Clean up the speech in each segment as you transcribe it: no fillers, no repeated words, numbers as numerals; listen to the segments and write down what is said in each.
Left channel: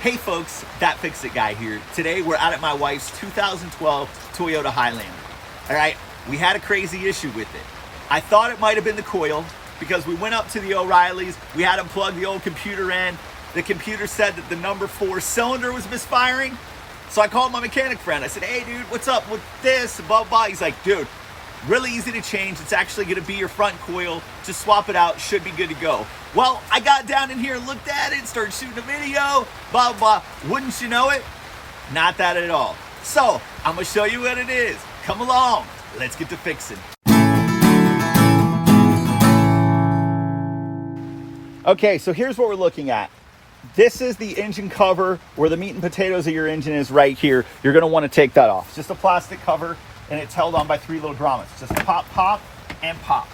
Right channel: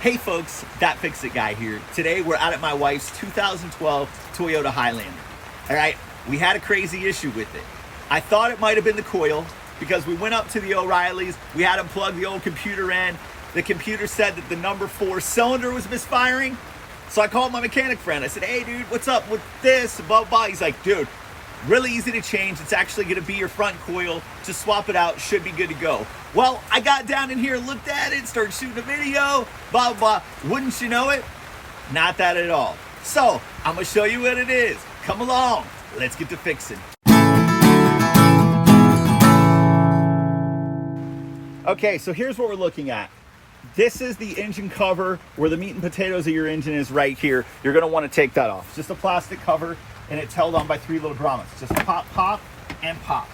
Hey folks, That Fix It Guy here. Today we're out at my wife's 2012 Toyota Highlander. All right, we had a crazy issue with it. I thought it might have been the coil because we went up to the O'Reilly's, we had them plug the old computer in. The computer said that the number 4 cylinder was misfiring. So I called my mechanic friend. I said, hey dude, what's up with this? Blah, blah. He's like, dude, really easy to change. It's actually gonna be your front coil. Just swap it out, should be good to go. Well, I got down in here, looked at it, started shooting a video, blah, blah, blah. Wouldn't you know it? Not that at all. So I'm gonna show you what it is. Come along, let's get to fixing. Okay, so here's what we're looking at. This is the engine cover where the meat and potatoes of your engine is right here. You're gonna wanna take that off. It's just a plastic cover and it's held on by 3 little grommets. Just pop, pop, and pop.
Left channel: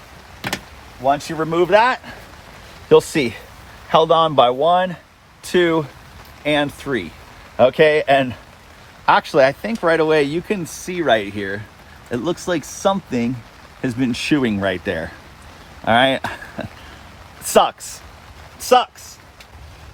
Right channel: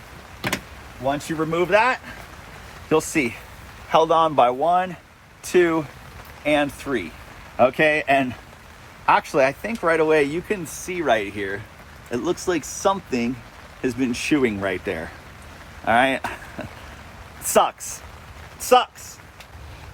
Once you remove that, you'll see held on by 1, 2, and 3. Okay, and actually I think right away you can see right here, it looks like something has been chewing right there. All right, sucks.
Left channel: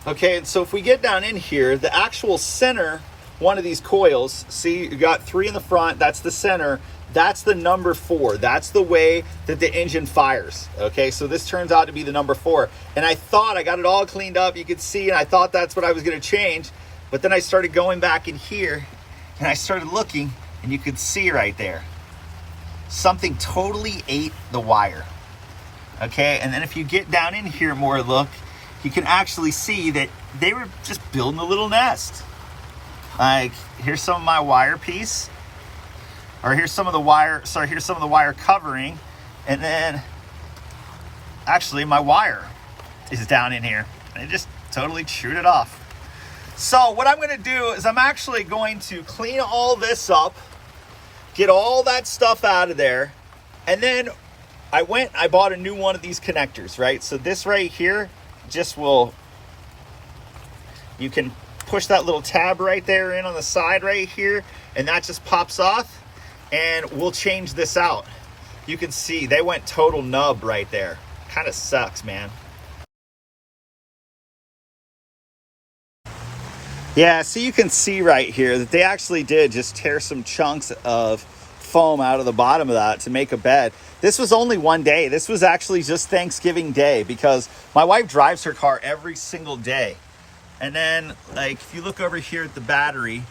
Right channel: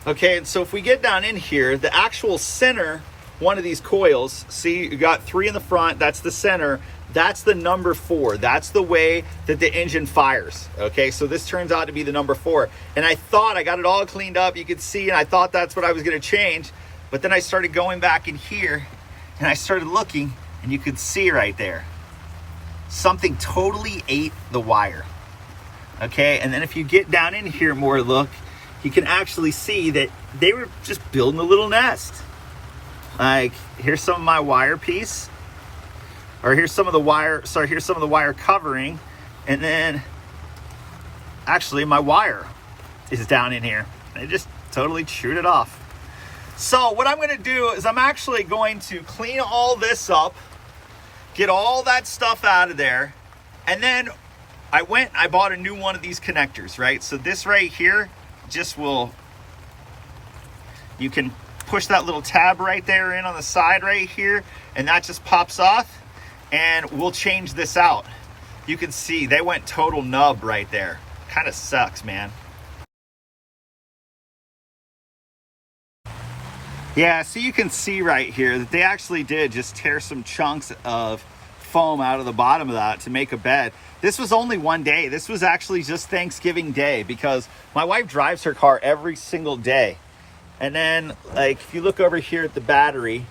Okay, and so if we get down in here, the actual center one of these coils, see, you got 3 in the front, that's the center, that's the number 4. That's the way that the engine fires. Okay, so this turns out to be the number 4. And I thought I got it all cleaned up, you could see, and I thought that's what I was gonna change. But then I started going back in here and I started looking and you could see right there, something totally ate the wire. Okay, and then if you get down in here more, look, you can actually see that they were just building a little nest. Like, here's some of my wire piece, or here's some of the wire, here's some of the wire covering, and then actually my wire is down in here. They just totally chewed it off. So what I'm gonna do is I'm actually going to clean all this up, get all that stuff out of there, and then I bought a new one of these connectors, right? So this right here just will, you can push that little tab right there in on the side right here, and that just pops off, and we'll change this out. You can see they went total nub right there. Kind of sucks, man. Yeah, so you can see right here that they actually did just tear some chunks of foam out of the bottom of that to make a bed. This was only one day. This was actually just Thanksgiving Day, because my wife drives her car every single day. And then, like, if you look over here at the battery,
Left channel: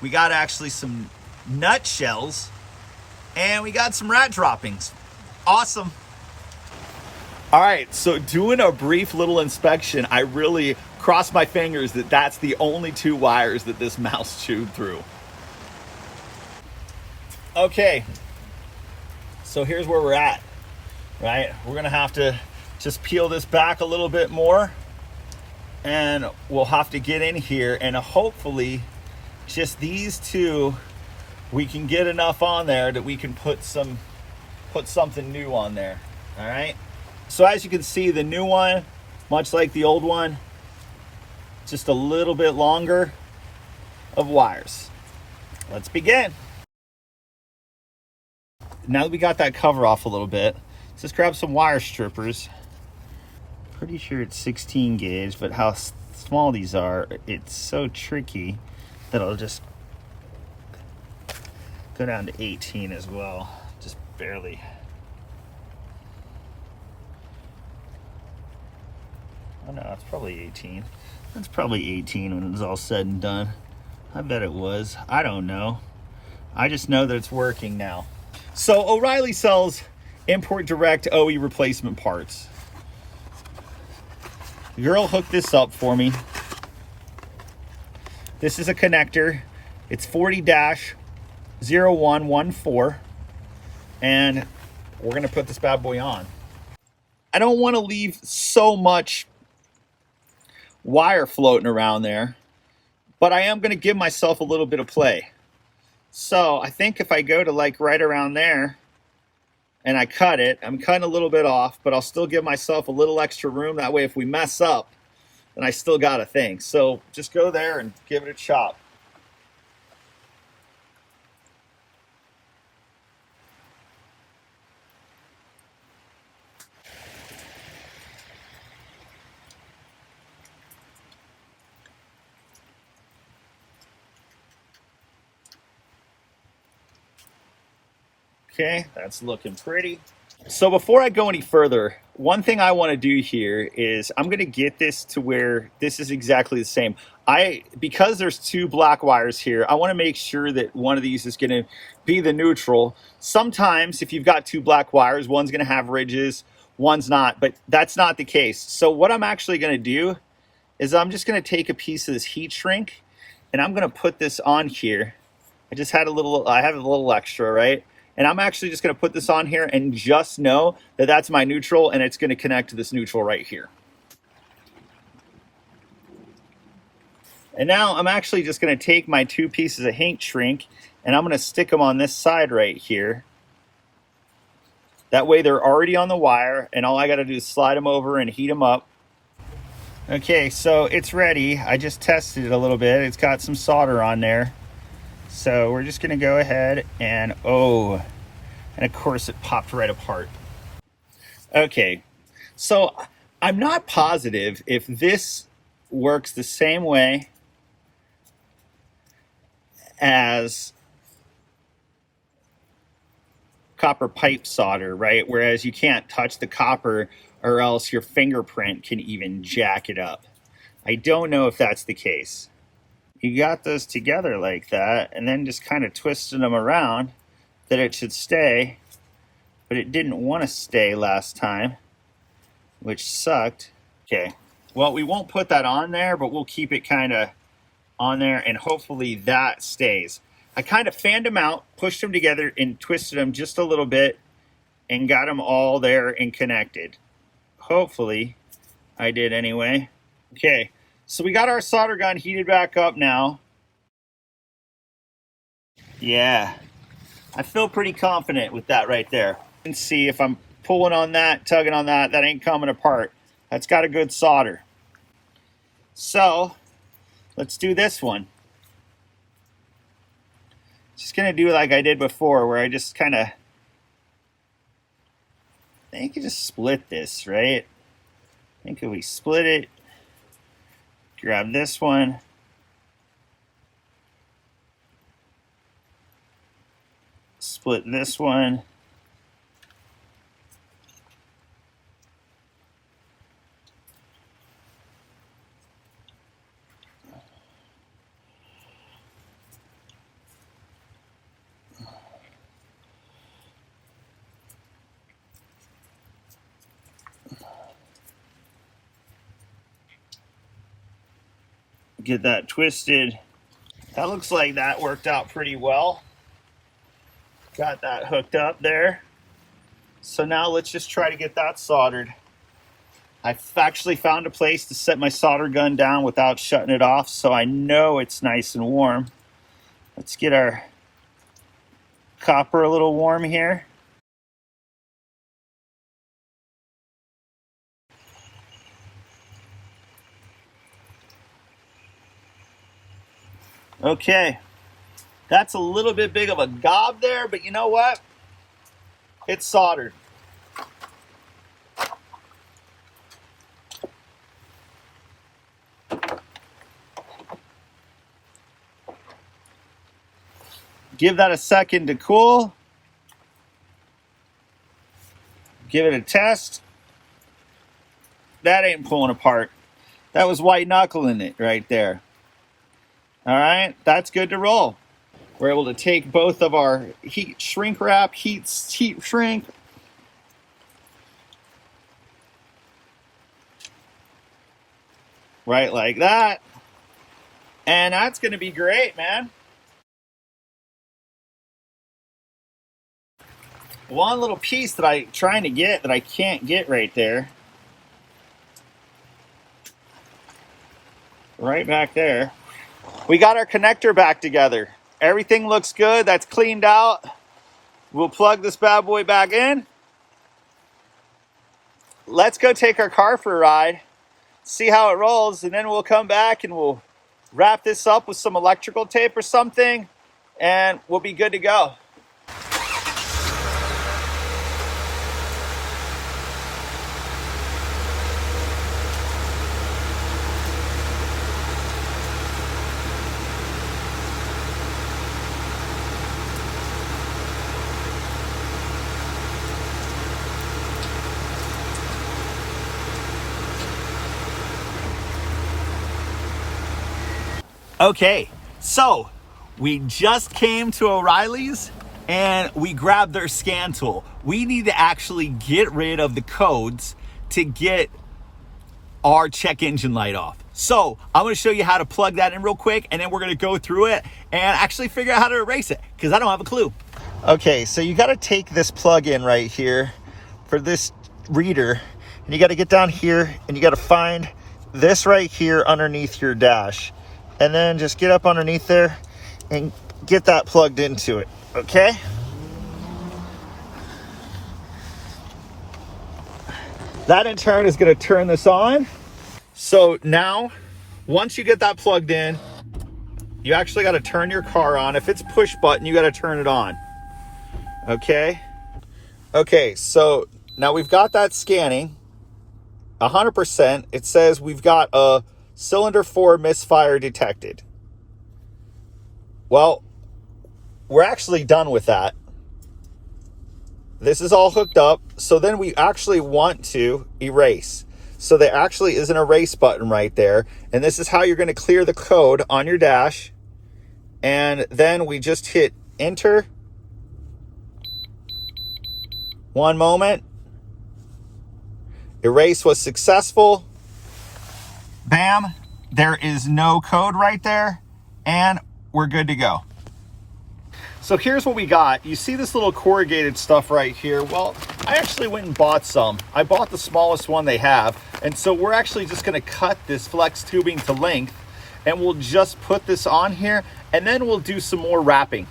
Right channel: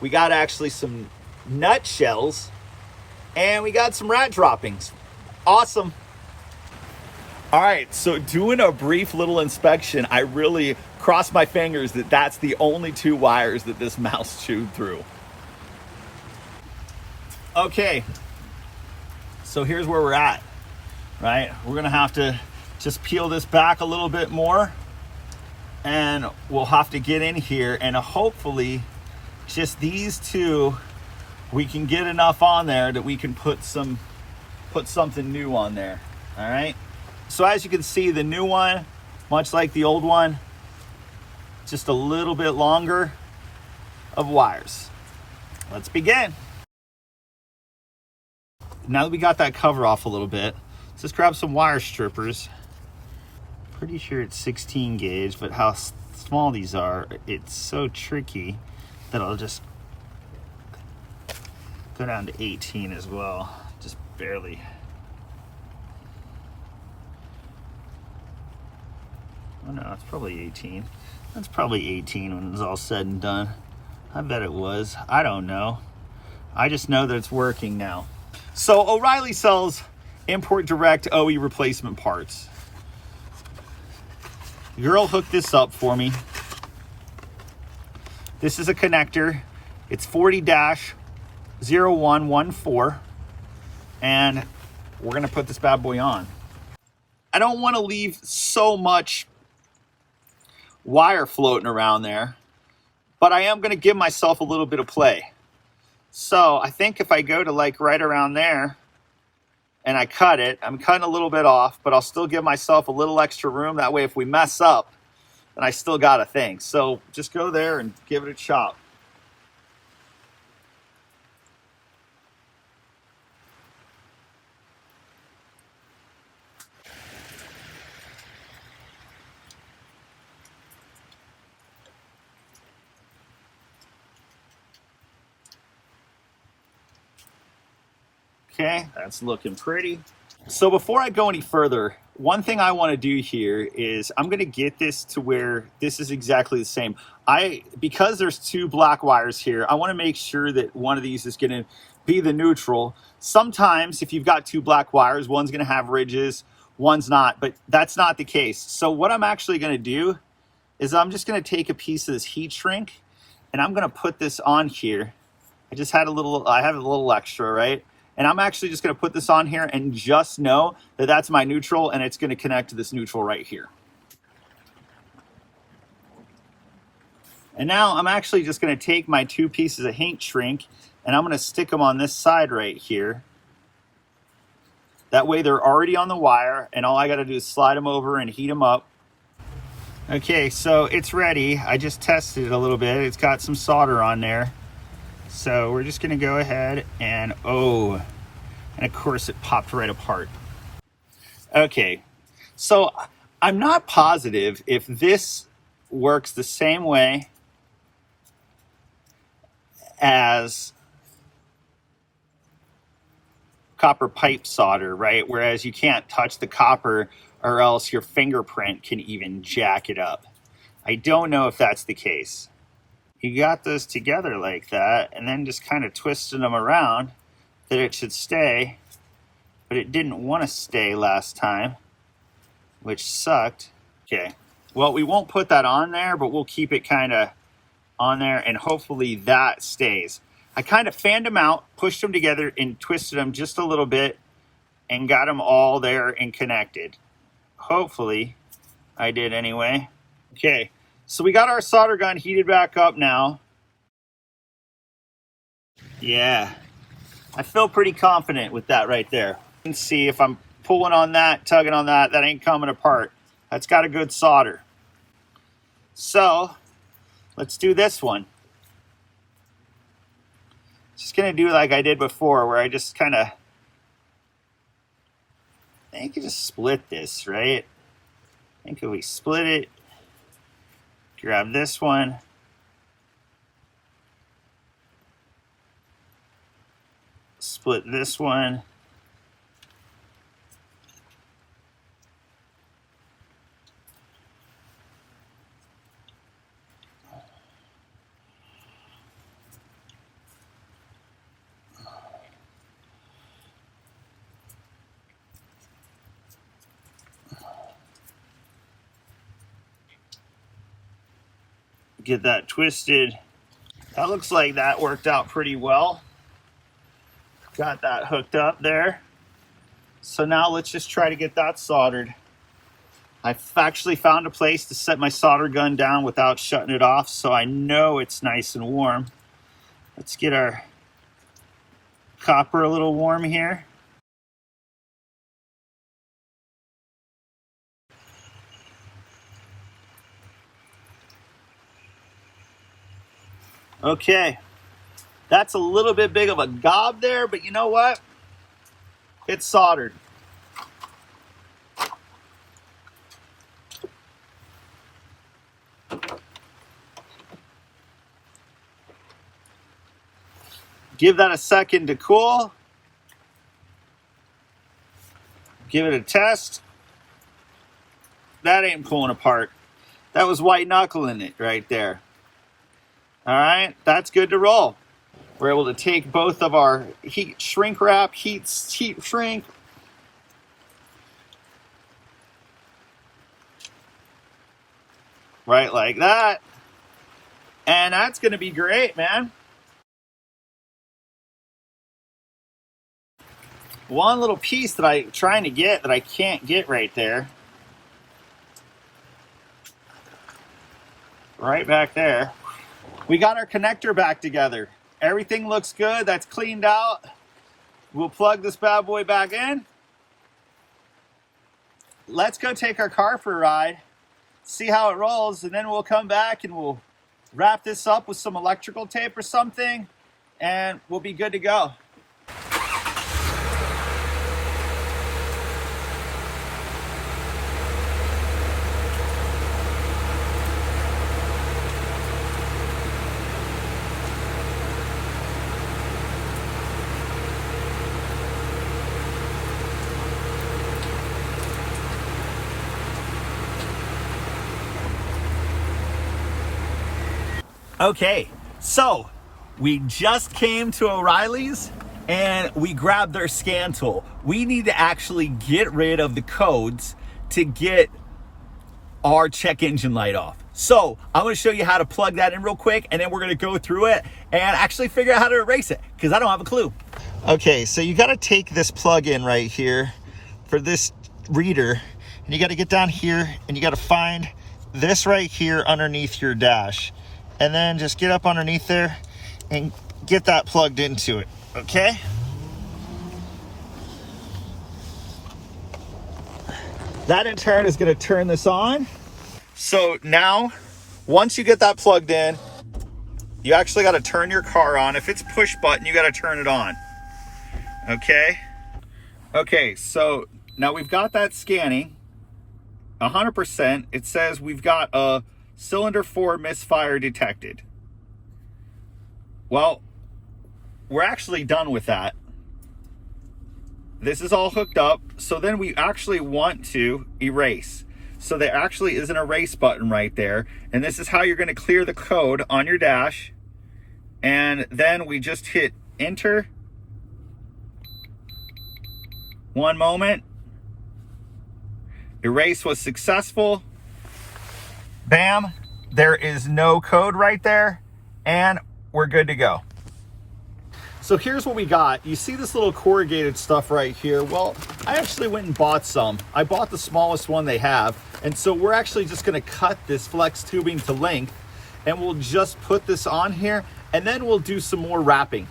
we got actually some nutshells and we got some rat droppings. Awesome. All right, so doing a brief little inspection, I really crossed my fingers that that's the only 2 wires that this mouse chewed through. Okay, so here's where we're at, right? We're gonna have to just peel this back a little bit more, and we'll have to get in here, and hopefully just these 2, we can get enough on there that we can put something new on there. All right, so as you can see, the new one, much like the old one, just a little bit longer of wires. Let's begin. Now that we got that cover off a little bit, let's just grab some wire strippers. Pretty sure it's 16 gauge, but how small these are, it's so tricky that I'll just go down to 18 as well, just barely. Oh no, it's probably 18. That's probably 18 when it's all said and done. I bet it was. I don't know. I just know that it's working now. So O'Reilly sells import direct OE replacement parts. The girl hooked this up for me. This is a connector. It's 40-0114, and we're gonna put this bad boy on. I don't want to leave so much wire floating around there, but I am gonna give myself a little bit of play. So I think if I go to like right around there and I cut it, I'm cutting a little bit off, but I'll still give myself a little extra room. That way if we mess up, then I still got a thing. So just go there and give it a chop. Okay, that's looking pretty. So before I go any further, one thing I want to do here is I'm going to get this to where this is exactly the same. Because there's two black wires here, I want to make sure that one of these is going to be the neutral. Sometimes if you've got two black wires, one's going to have ridges, one's not, but that's not the case. So what I'm actually going to do is I'm just going to take a piece of this heat shrink and I'm going to put this on here. I have a little extra, right? And I'm actually just going to put this on here and just know that that's my neutral and it's going to connect to this neutral right here. And now I'm actually just going to take my two pieces of heat shrink and I'm going to stick them on this side right here. That way they're already on the wire and all I got to do is slide them over and heat them up. Okay, so it's ready. I just tested it a little bit. It's got some solder on there. So we're just gonna go ahead and and of course it popped right apart. Okay, so I'm not positive if this works the same way as copper pipe solder, right? Whereas you can't touch the copper or else your fingerprint can even jack it up. I don't know if that's the case. You got those together like that and then just kind of twisted them around that it should stay, but it didn't want to stay last time, which sucked. Okay, well, we won't put that on there, but we'll keep it kind of on there and hopefully that stays. I kind of fanned them out, pushed them together and twisted them just a little bit and got them all there and connected. Hopefully I did anyway. Okay. So we got our solder gun heated back up now. Yeah, I feel pretty confident with that right there. You can see if I'm pulling on that, tugging on that, that ain't coming apart. That's got a good solder. So let's do this one. Just gonna do like I did before where I just kind of, I think you just split this, right? I think if we split it, grab this one, split this one, get that twisted. That looks like that worked out pretty well. Got that hooked up there. So now let's just try to get that soldered. I've actually found a place to set my solder gun down without shutting it off, so I know it's nice and warm. Let's get our copper a little warm here. Okay, that's a little bit big of a gob there, but you know what? It's soldered. Give that a second to cool. Give it a test. That ain't pulling apart. That was white knuckling it right there. All right, that's good to roll. We're able to take both of our heat shrink, right like that. And that's gonna be great, man. One little piece that I'm trying to get that I can't get right there. Right back there. We got our connector back together. Everything looks good. That's cleaned out. We'll plug this bad boy back in. Let's go take our car for a ride, see how it rolls, and then we'll come back and we'll wrap this up with some electrical tape or something, and we'll be good to go. Okay, so we just came to O'Reilly's and we grabbed their scan tool. We need to actually get rid of the codes to get our check engine light off. So I'm gonna show you how to plug that in real quick, and then we're gonna go through it and actually figure out how to erase it, because I don't have a clue. Okay, so you gotta take this plug in right here for this reader, and you gotta get down here and you gotta find this right here underneath your dash, and then just get up underneath there and get that plugged into it, okay? That in turn is gonna turn this on. So now, once you get that plugged in, you actually gotta turn your car on. If it's push button, you gotta turn it on, okay? Okay, so now we've got that scanning, 100%. It says we've got a cylinder 4 misfire detected. Well, we're actually done with that. This is all hooked up, so then we actually want to erase. So there actually is an erase button right there, and this is how you're going to clear the code on your dash. And then we just hit enter. One moment. Erase was successful. Bam, there is no code right there, and we're good to go. So here's what we got. You see this little corrugated stuff right here? Well, I actually went and bought some. I bought the smallest one they have. And so we're actually just gonna cut this flex tubing to length, and we'll just put this on here, and then we'll do some more wrapping.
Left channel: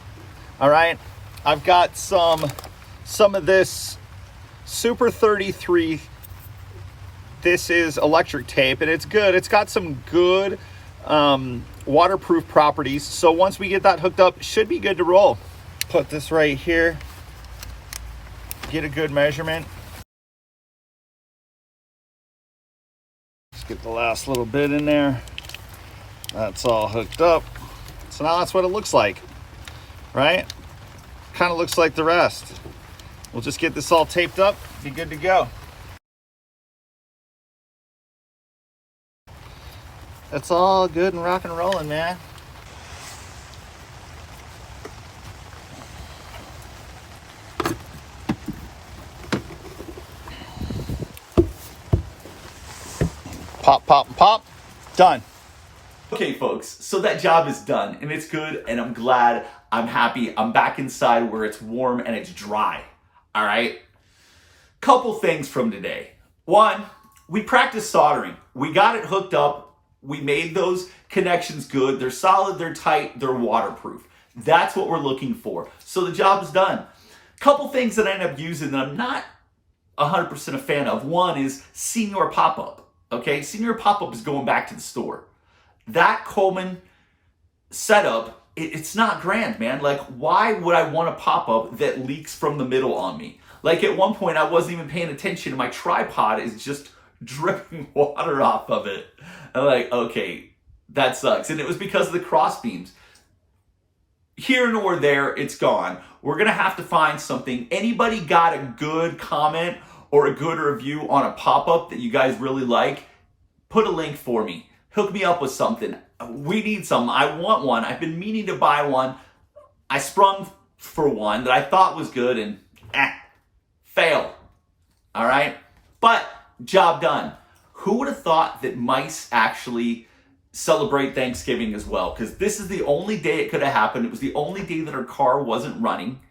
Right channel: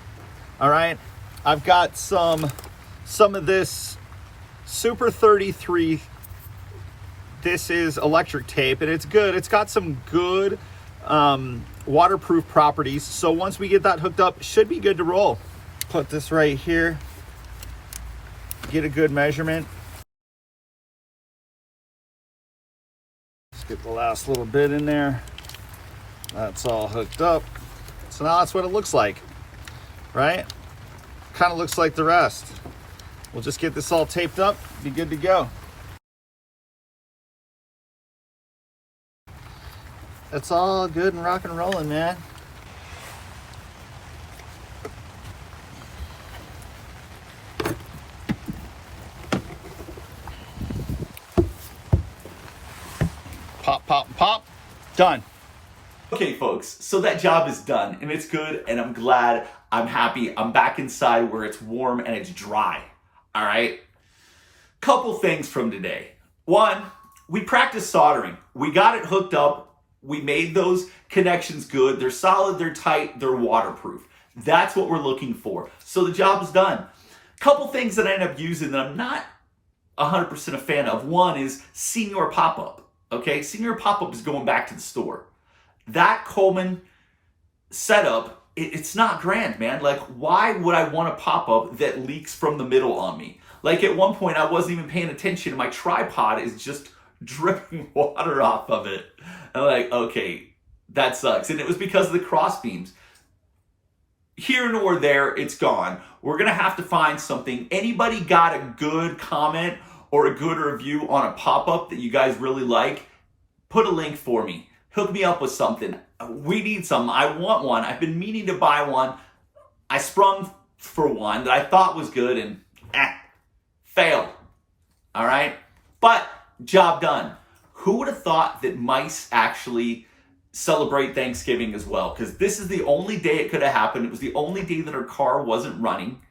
All right, I've got some of this Super 33. This is electric tape, and it's good. It's got some good waterproof properties. So once we get that hooked up, should be good to roll. Put this right here, get a good measurement. Just get the last little bit in there. That's all hooked up. So now that's what it looks like, right? Kind of looks like the rest. We'll just get this all taped up, be good to go. That's all good and rock and rolling, man. Pop, pop, pop. Done. Okay, folks, so that job is done, and it's good, and I'm glad, I'm happy. I'm back inside where it's warm and it's dry, all right? Couple things from today. One, we practiced soldering. We got it hooked up. We made those connections good. They're solid, they're tight, they're waterproof. That's what we're looking for. So the job is done. Couple things that I end up using that I'm not 100% a fan of. One is Senior Pop-Up, okay? Senior Pop-Up is going back to the store. That Coleman setup, it's not grand, man. Like, why would I want a pop-up that leaks from the middle on me? Like, at one point, I wasn't even paying attention, and my tripod is just dripping water off of it. I'm like, okay, that sucks. And it was because of the cross beams. Here nor there, it's gone. We're gonna have to find something. Anybody got a good comment or a good review on a pop-up that you guys really like? Put a link for me. Hook me up with something. We need some. I want one. I've been meaning to buy one. I sprung for one that I thought was good, and fail. All right? But job done. Who would have thought that mice actually celebrate Thanksgiving as well? Because this is the only day it could have happened. It was the only day that our car wasn't running.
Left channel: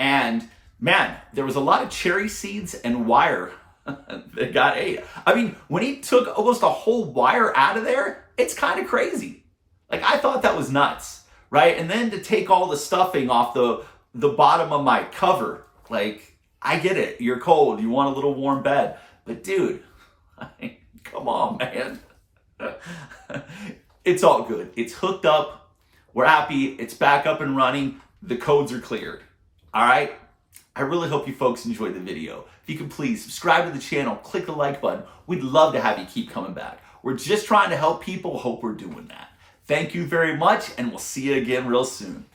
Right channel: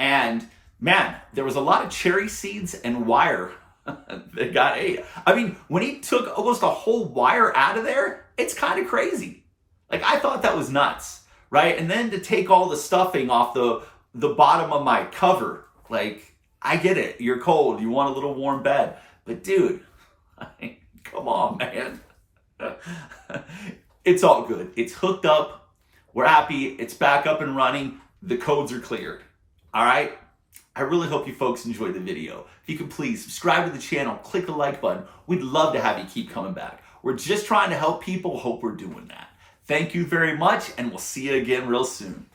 And man, there was a lot of cherry seeds and wire that got ate. I mean, when he took almost a whole wire out of there, it's kind of crazy. Like, I thought that was nuts, right? And then to take all the stuffing off the bottom of my cover, like, I get it. You're cold. You want a little warm bed. But dude, come on, man. It's all good. It's hooked up. We're happy. It's back up and running. The codes are cleared. All right? I really hope you folks enjoyed the video. If you could please subscribe to the channel, click the like button. We'd love to have you keep coming back. We're just trying to help people. Hope we're doing that. Thank you very much, and we'll see you again real soon.